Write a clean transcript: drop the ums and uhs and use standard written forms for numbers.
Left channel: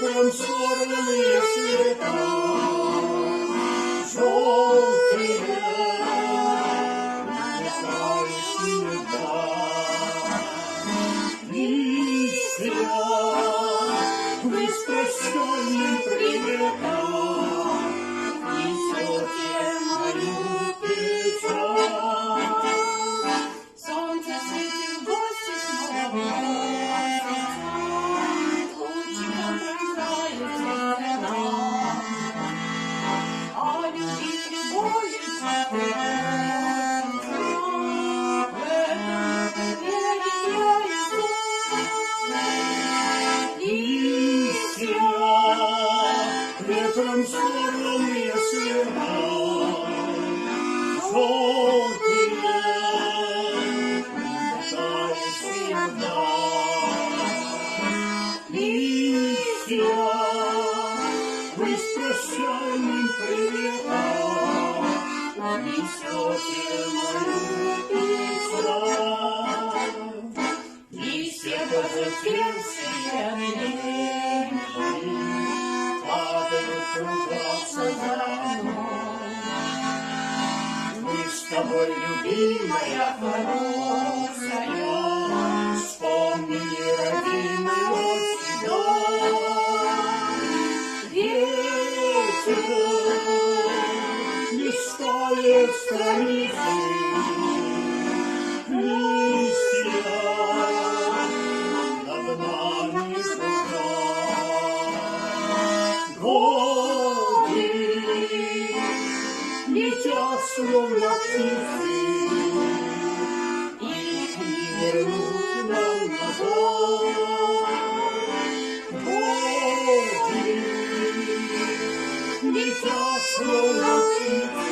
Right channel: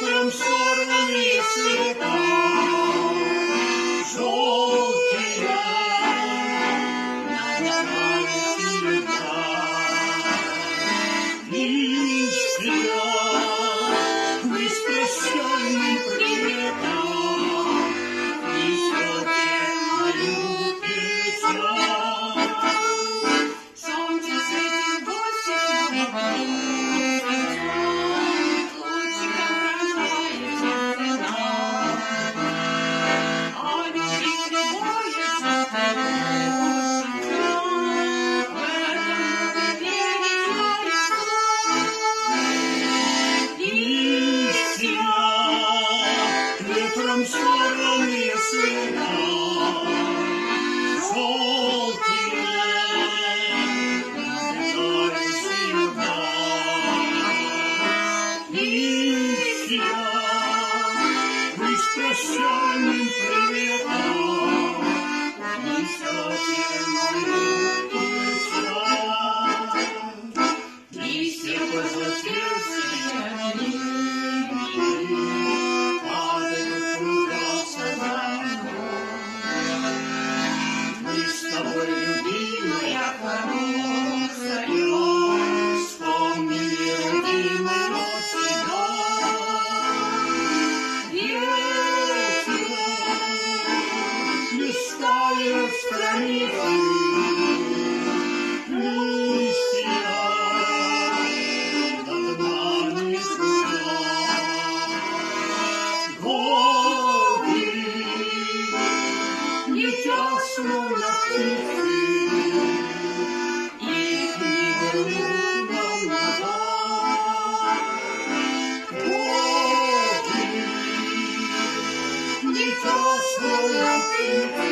ветром сорванные цвета, желтые ночные листья, вы с прощальным приветом несете мою печаль. Солнце светит, гости снова лучиком пронзает нас. А любить любовью теплой в этом мире Листья, ветром сорванные цвета, желтые набегают всегда. Листья, вы с прощальным приветом несете мою печаль. Листья пожелтевшие падают, кружатся за мной. Мы с тобой, любимая, хорошая, вспомнили родимую себя. Ветер листает страницы, листья над нами кружат. Годы летят, словно птицы, их не вернуть нам назад. Годы летят, словно птицы,